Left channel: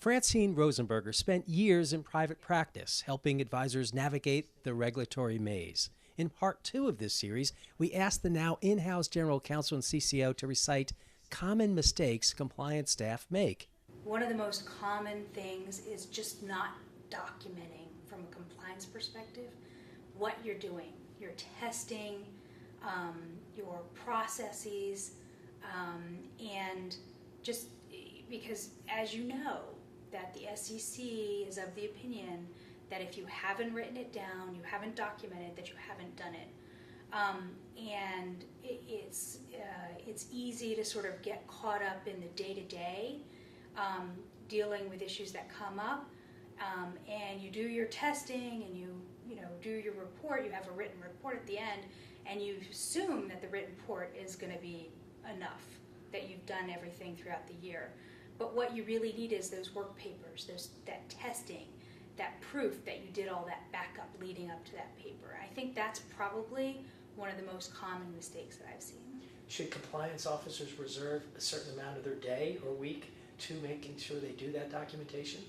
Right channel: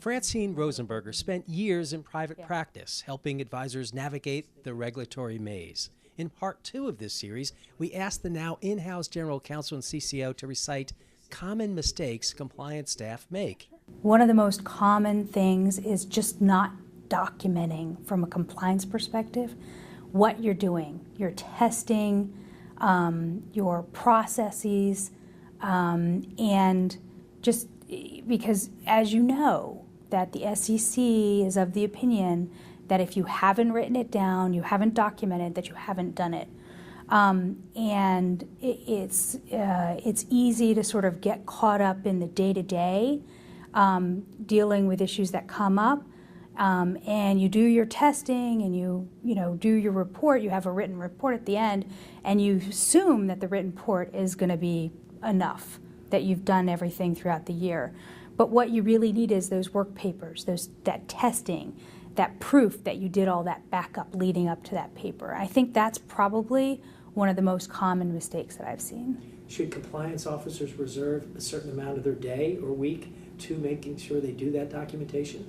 Francine Rosenberger spent years in private practice, helping advisors navigate the regulatory maze. In part 2 of this series, we asked the now in-house general counsel and CCO to recite common mistakes compliance staff make. One of the most common things is just not documenting from a compliance perspective what you're doing, your testing, your processes, and just because, as you know, that the SEC is of the opinion that if you haven't written it down, you haven't documented, that you haven't done it. And it's easy to sort of get caught up in the day-to-day, dealing with issues that come up, and you do your testing and you do your report. You have a written report at the end, and you assume that the written report is going to be enough, that you've done everything throughout the year. But what you really need is those work papers, that testing, that proof that you did all that backup leading up to that paper. I think that's probably one of the most common mistakes that I've seen. Should compliance officers reserve a certain amount of their day or week to making sure they do that documentation?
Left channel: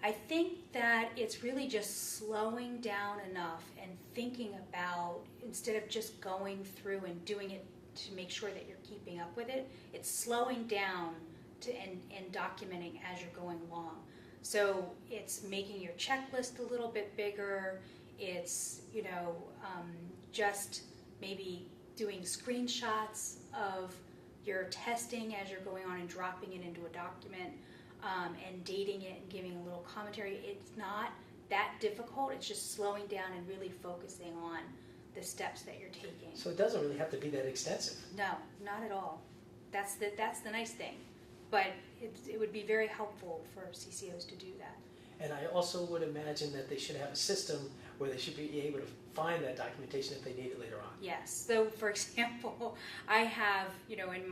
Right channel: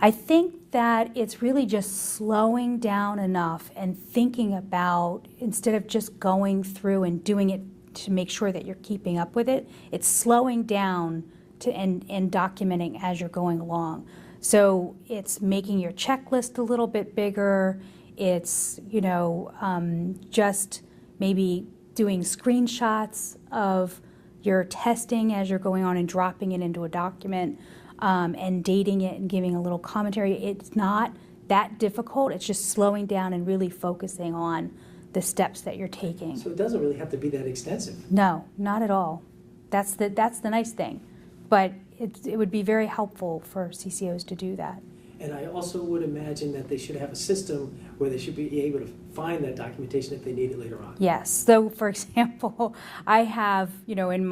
I think that it's really just slowing down enough and thinking about, instead of just going through and doing it to make sure that you're keeping up with it, it's slowing down and documenting as you're going along. So it's making your checklist a little bit bigger. It's, just maybe doing screenshots of your testing as you're going on and dropping it into a document, and dating it and giving a little commentary. It's not that difficult. It's just slowing down and really focusing on the steps that you're taking. So it doesn't really have to be that extensive. No, not at all. That's the nice thing. But it would be very helpful for CCOs to do that. And I also would imagine that they should have a system where they should be able to find that documentation if they need it later on. Yes. So, for example, I have, on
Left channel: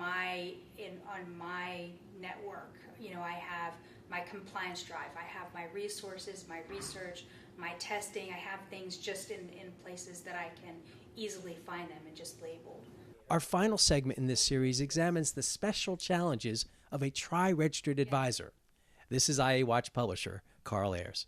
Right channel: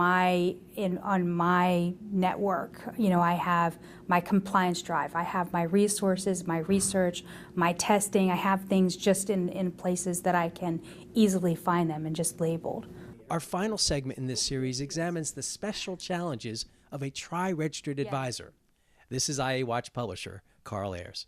my network, I have my compliance drive. I have my resources, my research, my testing. I have things just in places that I can easily find them and just labeled. Our final segment in this series examines the special challenges of a tri-registered advisor. This is IA Watch publisher Carl Ayers.